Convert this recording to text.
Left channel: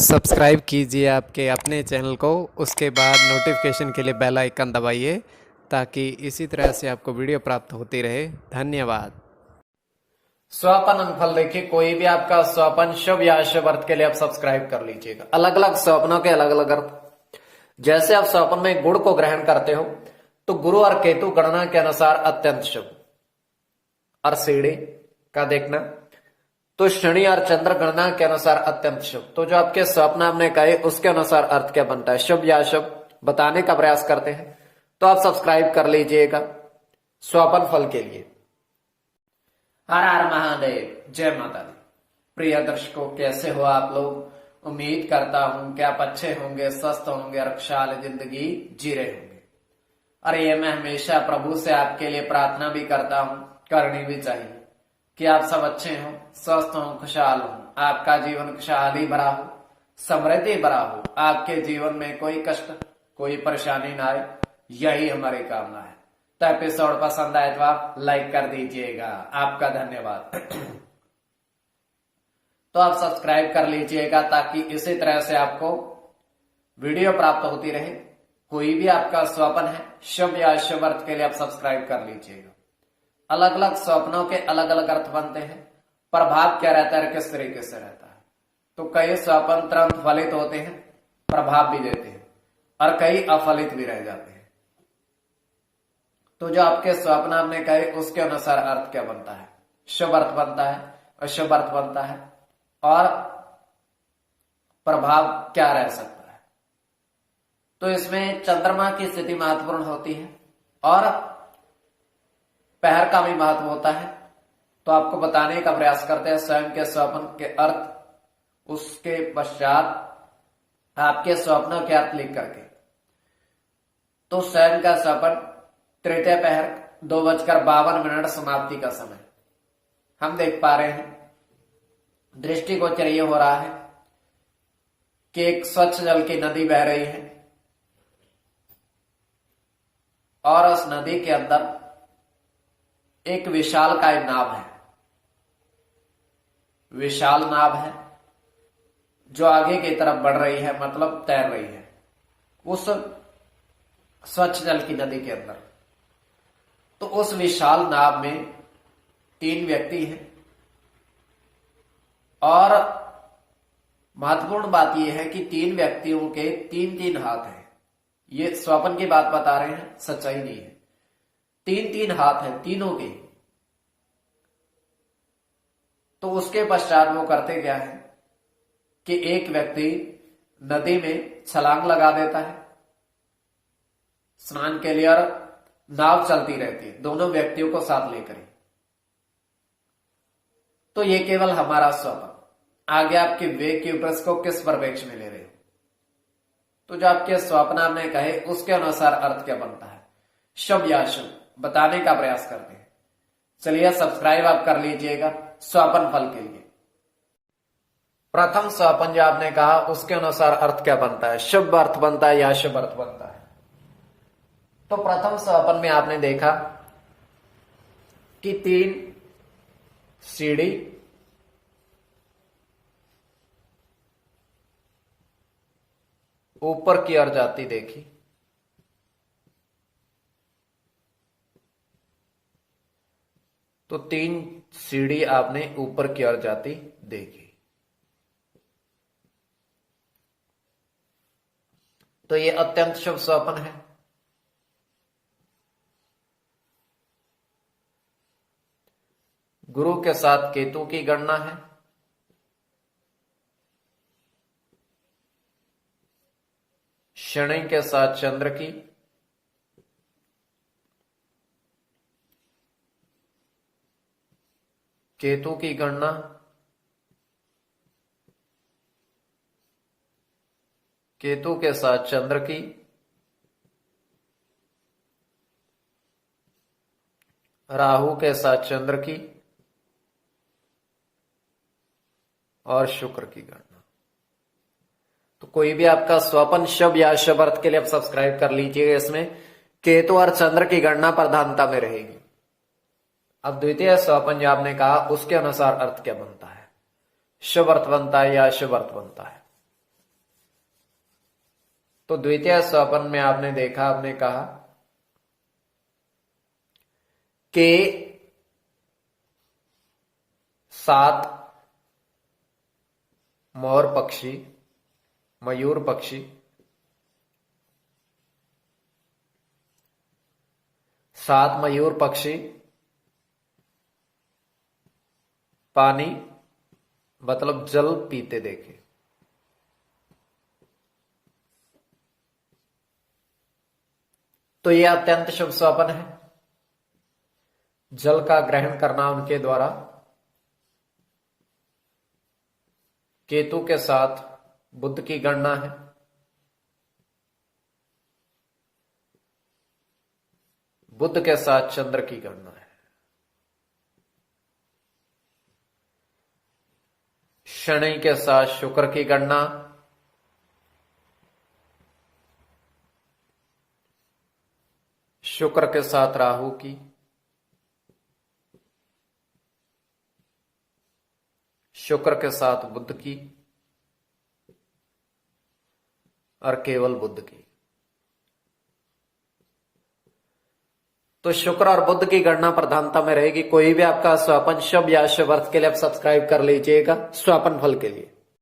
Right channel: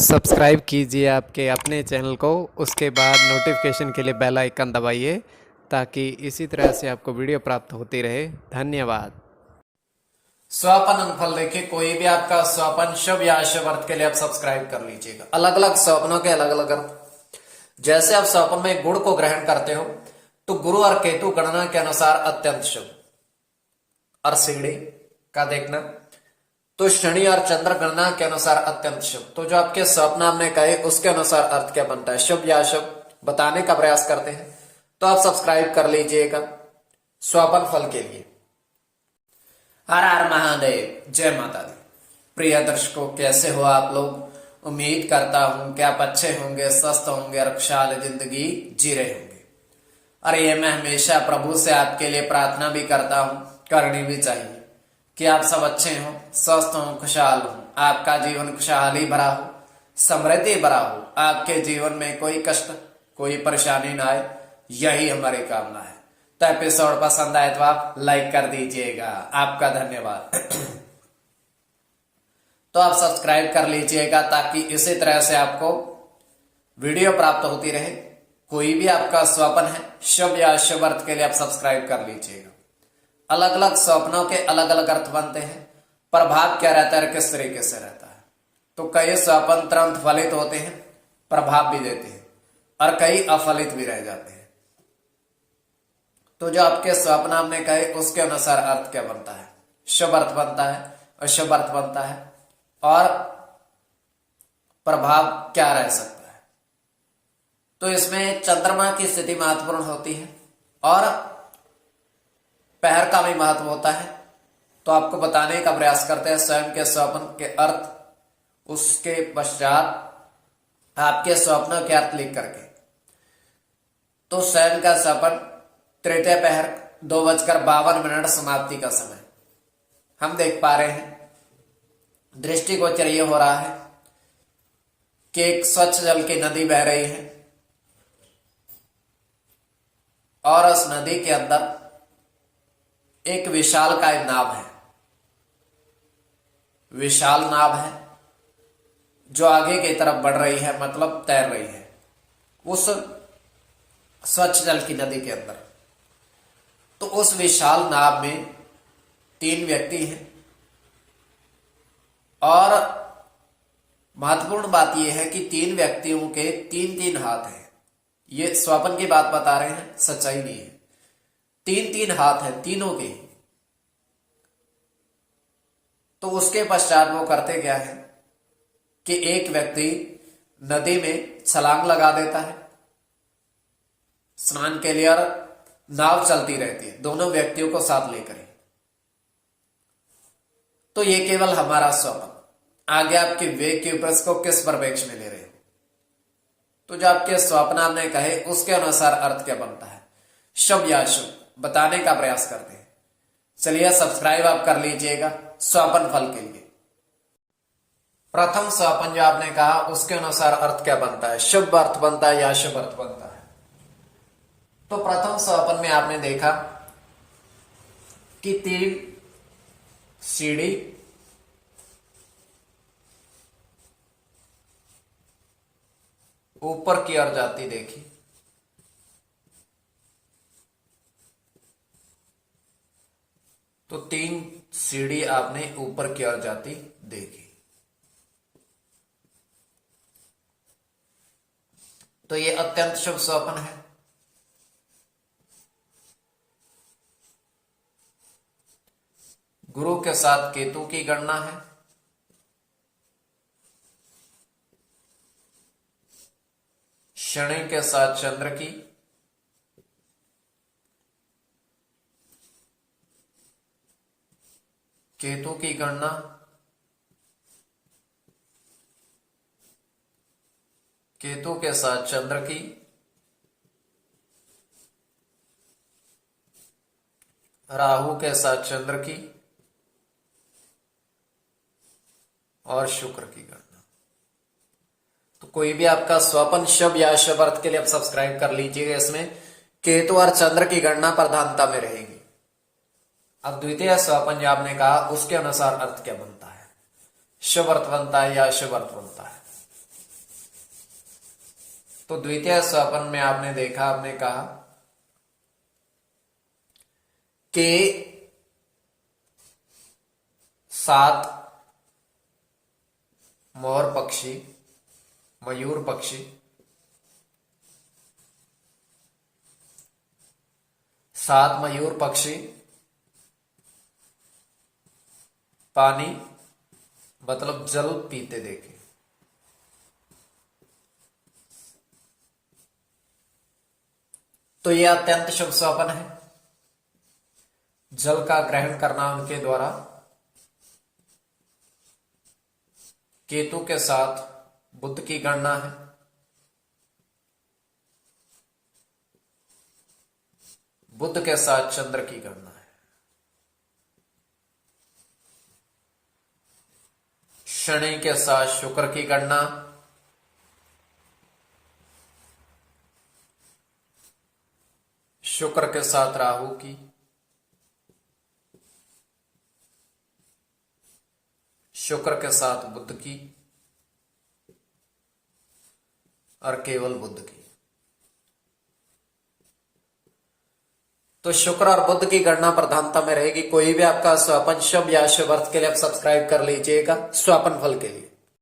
Subscribe कीजिए आपके अपने चैनल को, उसके बाद नोटिफिकेशन के लिए बेल आइकन दबाइए ताकि इसी तरह से आपको वीडियो प्राप्त होती रहे। धन्यवाद। स्वपन फल देखिए, कोई भी आपका स्वपन शुभ या अशुभ अर्थ के लिए आप सब्सक्राइब कर लीजिएगा। अलग अलग स्वप्नों के अलग अलग अर्थ। जैसे आप स्वप्न में गुड़ को ग्रहण करते हो तो गुरु और केतु गणना के अनुसार अत्यंत शुभ, और सीढ़ी का देखना तो शनि और चंद्र गणना के अनुसार अत्यंत शुभ। तो जो आपके स्वप्न हमने कहे उसके अनुसार अर्थ क्या बनता है, शुभ या अशुभ बताने का प्रयास करते हैं। तो आप सब्सक्राइब कर लीजिएगा स्वपन फल के लिए। हर हर महादेव, जय माता दी। प्रिय दर्शकों, कैसे हो आप लोग? उम्मीद करता हूं कि आप अच्छे होंगे, स्वस्थ होंगे और खुशहाल जिंदगी जी रहे होंगे। और ये मैं हमेशा प्रभु से आपके लिए प्रार्थना भी करता हूं, करनी भी चाहिए कि आप सब अच्छे हों, स्वस्थ हों, खुशहाल हों, आपका जीवन खुशहाली भरा हो, समृद्धि भरा हो, आपके जीवन में कोई कष्ट कोई परेशानी ना आए, यही हमारी कामना है। तो एपिसोड पसंद आए तो आप लाइक कर दीजिएगा, आपका धन्यवाद। तो आप सब्सक्राइब कर लीजिएगा ताकि इसी तरह से आपको वीडियो प्राप्त होती रहे। कोई भी आपका स्वप्न है शुभ या अशुभ अर्थ के लिए आप सब्सक्राइब कर लीजिएगा। अलग अलग स्वप्नों के अलग अलग अर्थ बनते हैं। प्रभाव क्या रहता है, किस तरीके से रहता है। तो कई स्वप्न तुरंत फलित होते हैं, प्रभाव भी देते हैं, और कई अफलित भी रह जाते हैं। तो जो आपके स्वप्न हमने कहे उसके अनुसार अर्थ क्या बनता है, शुभ अर्थ बनता है, अशुभ अर्थ बनता है, और प्रभाव क्या रह सकता है। तो इसमें चंद्रमा की स्थिति महत्वपूर्ण होती है और पहर का भी महत्व होता है। तो आपको बताने का प्रयास करते हैं स्वयं के स्वप्न के अर्थ, उसके पश्चात आपके स्वप्न के अर्थ लिख करके। तो स्वयं का स्वप्न तृतीय पहर 2:52 समाप्ति का समय हम देख पा रहे हैं। दृष्टिगोचर ये हो रहा है कि एक स्वच्छ जल की नदी बह रही है और उस नदी के अंदर एक विशालकाय नाव है। विशाल नाव है जो आगे की तरफ बढ़ रही है, मतलब तैर रही है उस स्वच्छ जल की नदी के अंदर। तो उस विशाल नाव में 3 व्यक्ति हैं, और महत्वपूर्ण बात यह है कि 3 व्यक्तियों के 3-3 हाथ हैं। ये स्वप्न की बात बता रहे हैं, सच्चाई नहीं है। 3-3 हाथ हैं तीनों के। तो उसके पश्चात वो करते क्या है कि एक व्यक्ति नदी में छलांग लगा देता है स्नान के लिए, और नाव चलती रहती है दोनों व्यक्तियों को साथ लेकर ही। तो ये केवल हमारा स्वप्न। आगे आपके वेग के ऊपर को किस परिप्रेक्ष्य में ले रहे हो। तो जो आपके स्वप्न आपने कहे उसके अनुसार अर्थ क्या बनता है, शुभ या अशुभ बताने का प्रयास करते हैं। चलिए सब्सक्राइब आप कर लीजिएगा स्वप्न फल के लिए। प्रथम स्वप्न जो आपने कहा उसके अनुसार अर्थ क्या बनता है, शुभ अर्थ बनता है या अशुभ अर्थ बनता है। तो प्रथम स्वप्न में आपने देखा कि 3 सीढ़ी ऊपर की ओर जाती देखी। तो 3 सीढ़ी आपने ऊपर की ओर जाती देखी। तो ये अत्यंत शुभ स्वप्न है। गुरु के साथ केतु की गणना है। शनि के साथ चंद्र की, केतु की गणना केतु के साथ चंद्र की, राहु के साथ चंद्र की, और शुक्र की गणना। तो कोई भी आपका स्वप्न शुभ या अशुभ अर्थ के लिए आप सब्सक्राइब कर लीजिएगा। इसमें केतु और चंद्र की गणना प्रधानता में रहेगी। अब द्वितीय स्वपन जो आपने कहा उसके अनुसार अर्थ क्या बनता है, शुभ अर्थ बनता है या अशुभ अर्थ बनता है। तो द्वितीय स्वपन में आपने देखा, आपने कहा कि 7 मोर पक्षी, मयूर पक्षी 7 मयूर पक्षी पानी मतलब जल पीते देखे। तो यह अत्यंत शुभ स्वप्न है। जल का ग्रहण करना उनके द्वारा केतु के साथ बुध की गणना है। बुध के साथ चंद्र की गणना है। शनि के साथ शुक्र की गणना, शुक्र के साथ राहु की, शुक्र के साथ बुध की और केवल बुध की। तो शुक्र और बुध की गणना प्रधानता में रहेगी। कोई भी आपका स्वपन शुभ या शुभ अर्थ के लिए आप सब्सक्राइब कर लीजिएगा स्वपन फल के लिए।